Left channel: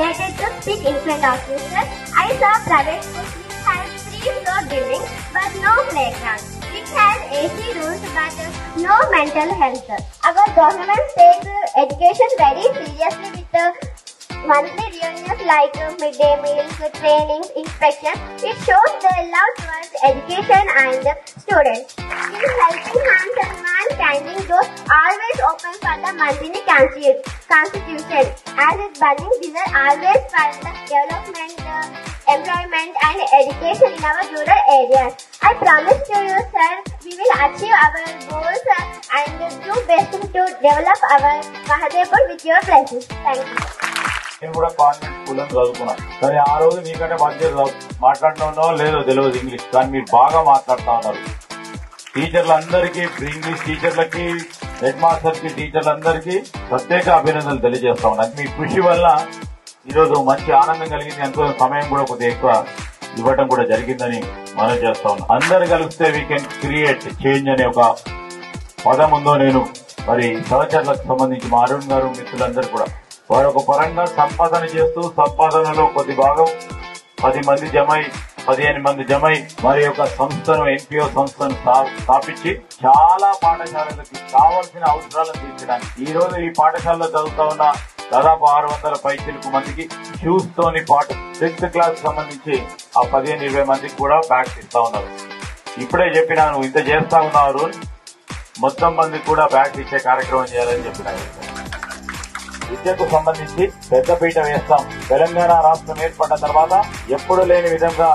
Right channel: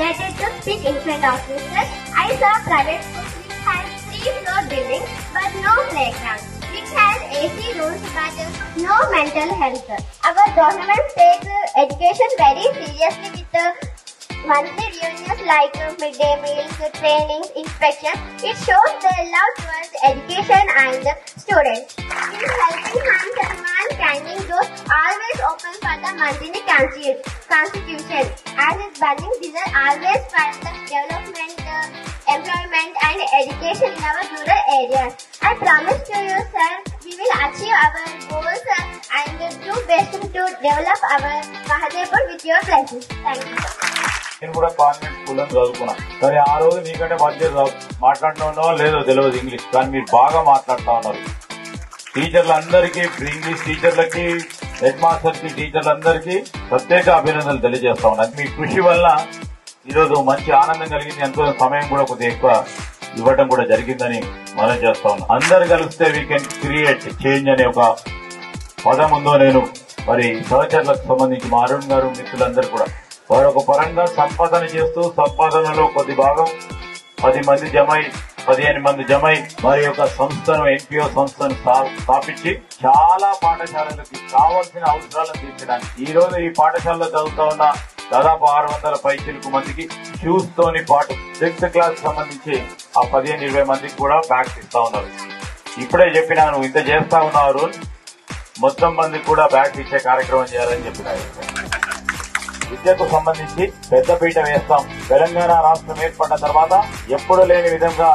related to speak in front of you, sir. I saw private schools which have 3-floor buildings but no playground, which has AC rooms but no mental health. Our government takes education very seriously with monthly reunions like midday meals, trainings, inspections. It shows their love towards education and students. This helping hands and mankind was always open for the month in the Constitution, as its burning desire always for the development, employment and education in our rural areas. I promise to you, sir, we will achieve our goals and do best to develop our Mahadevpur with your blessings. Thank you. నేను కూడా convent school అని చదువుకున్నా. కానీ ఆ రోజు మీకంటే బాధ్యత మాట్లాడటంలో లేదో తెలియదు ఇంగ్లీష్, కానీ మీరు బాగా మాట్లాడుతూ ఉన్నారు. టీచర్లందరికీ, ఇంగ్లీష్ టీచర్లకి, హెడ్ మాస్టర్ కి, టీచర్లందరికీ ప్రత్యేక అభినందనలు తెలియజేస్తా ఉన్నాను. మీ కృషి వల్ల ఈరోజు మంచి ఆనందం కలిగింది. ఎంతో సమయం కూడా కొద్దిగా ఎక్కువ ఇవ్వడం కూడా జరిగిందని మనం చేస్తా ఉన్నాం. అందరు కలిస్తే వీ కెన్ క్రియేట్ చేంజ్ అనే ఒక పదం ఉందో నేను మరి సహచరులకు సంబంధించి మా అరుణ్ గారు మిత్రులందరూ కూడా వారు ఒక పరంగా సంపాదన చేస్తూ సంపాదనలో కొద్ది భాగం 10 మంది జమై 15 మంది జమై మరి యొక్క సంస్థను ఎన్పిఓ సంస్థను స్థాపించి చాలా పాఠశాలలకి కావాల్సిన అవసరాలను తీర్చడానికి ఈ రోజు ఈ పాఠశాలలో చదువుతా ఉన్న దాదాపు 600 పైచిలకు మందికి షూస్ తోని పాటు 6th క్లాస్ సంబంధించి ఆ 15-20 మందికి కూడా బ్యాగ్స్ ఇస్తా ఉన్నారు. ఇప్పుడే చెప్పినా నువ్వు ఇంత చేస్తా ఉన్నావు, మొత్తం మందికి కూడా బ్యాగ్స్ ఇచ్చే కార్యక్రమం చేయాలని చెప్పినా. విద్యకు సంబంధించి పెద్దపీట వేస్తాం. తెలంగాణ రాష్ట్రం ఏర్పడిన తర్వాత ఎప్పుడు లేని విధంగా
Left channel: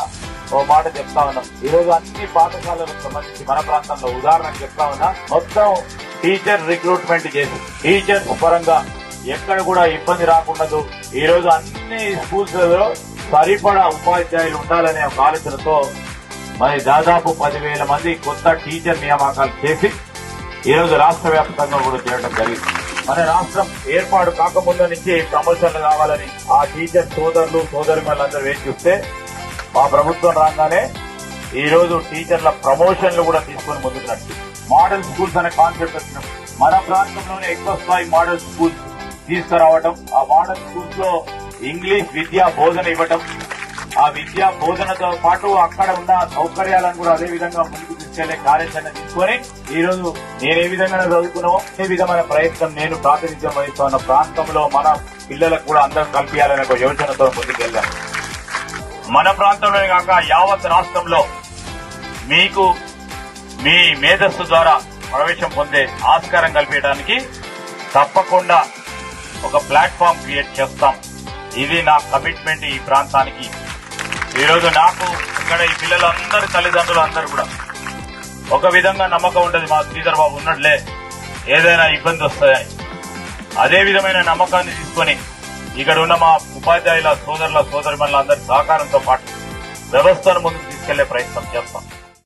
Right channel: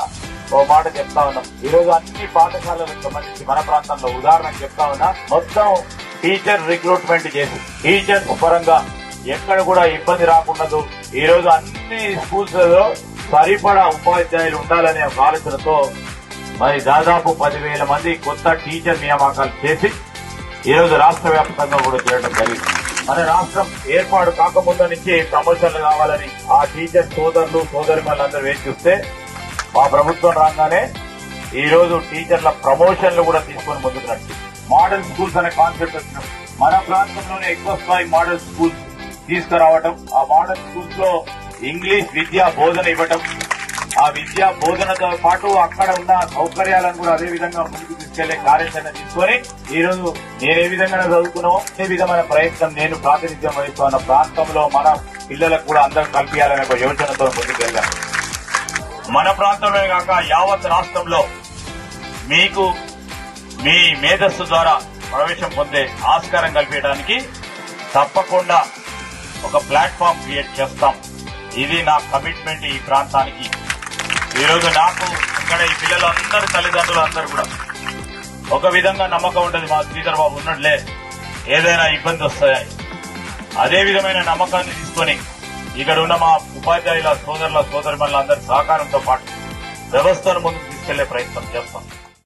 ఓ మాట చెప్తా ఉన్నాం. ఈ రోజు అన్ని పాఠశాలలకు సంబంధించి మన ప్రాంతంలో ఉదాహరణకు చెప్తా ఉన్నా, మొత్తం టీచర్ రిక్రూట్మెంట్ చేసి టీచర్స్ పరంగా ఎక్కడ కూడా ఇబ్బంది రాకుండదు. ఈ రోజు అన్ని స్కూల్స్ లో సరిపడా ఉపాధ్యాయులు ఉండాలనే ఒక ఆలోచనతో మరి దాదాపు 10,000 మంది కొత్త టీచర్ నియామకాలు చేసి ఈ రోజు రాష్ట్ర వ్యాప్తంగా కూడా చేయడం జరిగింది. మన రాష్ట్రం ఏర్పాటు కాకముందు నుంచి ప్రమోషన్లు కావాలని ఆ టీచర్ సోదరులు సోదరిమణులందరూ వేచి చూస్తే మా ప్రభుత్వం రాగానే ఈ రోజు టీచర్ల ప్రమోషన్లు కూడా తీసుకుని ముందుకు నడిచి మోడల్ స్కూల్స్ అనే కాన్సెప్ట్ వచ్చినాం. మన ప్రాంతంలోనే ఎక్కువ స్థాయి మోడల్ స్కూల్స్ తీసుకురావడం, ఆ మోడల్ స్కూల్స్ లో ఇంగ్లీష్ విద్యా బోధన ఇవ్వటం, ఆ విద్యా బోధనతో పాటు అక్కడ ఉన్న సౌకర్యాలను కూడా అదే విధంగా ముందుకు తీసుకెళ్లే కార్యాచరణ తీసుకొని ఈ రోజు నేను ఏ విధంగా చదువుకున్నామో ఏ విధమైన ప్రయత్నం నేను ప్రాతినిధ్యం వహిస్తున్న ప్రాంతంలో మన పిల్లలకు కూడా అందరూ కల్పించాలనే ఒక యోచనతో ముందుకు వెళ్ళాను. మన ప్రాంతంలోనే కాక యావత్ రాష్ట్రంలో మీకు మీ మేధస్సు ద్వారా ప్రవేశం పొందే ఆస్కారం కల్పించడానికి తప్పకుండా ఒక ప్లాట్ఫామ్ క్రియేట్ చేస్తాం. ఇది నా కమిట్మెంట్ ఈ ప్రాంతానికి. ఈరోజు నాకు ఇక్కడ ఈ పిల్లలు అందరూ తల్లిదండ్రులు అందరూ కూడా ఒక విధంగా నమ్మకం ఉండదు, మా శ్రీధర్ బాబు ఉన్నట్లే ఏదైనా ఇబ్బంది వస్తాయని. అదే విధమైన నమ్మకాన్ని తీసుకుని ఇక్కడ ఉన్న మా ఉపాధ్యాయుల సోదరుల సోదరిమణుల అందరి సహకారంతో పాటు వ్యవస్థను ముందుకు తీసుకెళ్లే ప్రయత్నం చేస్తాం.